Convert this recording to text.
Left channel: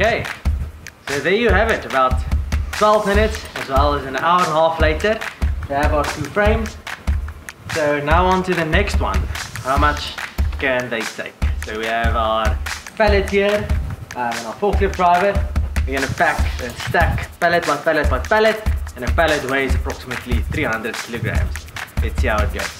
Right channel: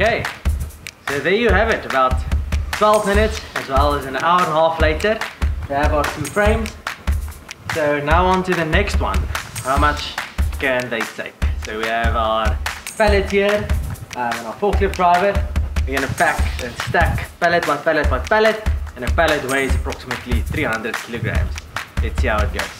Okay, so there you have it, about 12 minutes as well as an hour and a half later. We have our two frames. So now on to the next one. How much can they take? So we have our pallet here and our forklift driver. We're going to pack and stack pallet by pallet by pallet, and a pallet weighs approximately 300 kilograms. Let's see how it goes.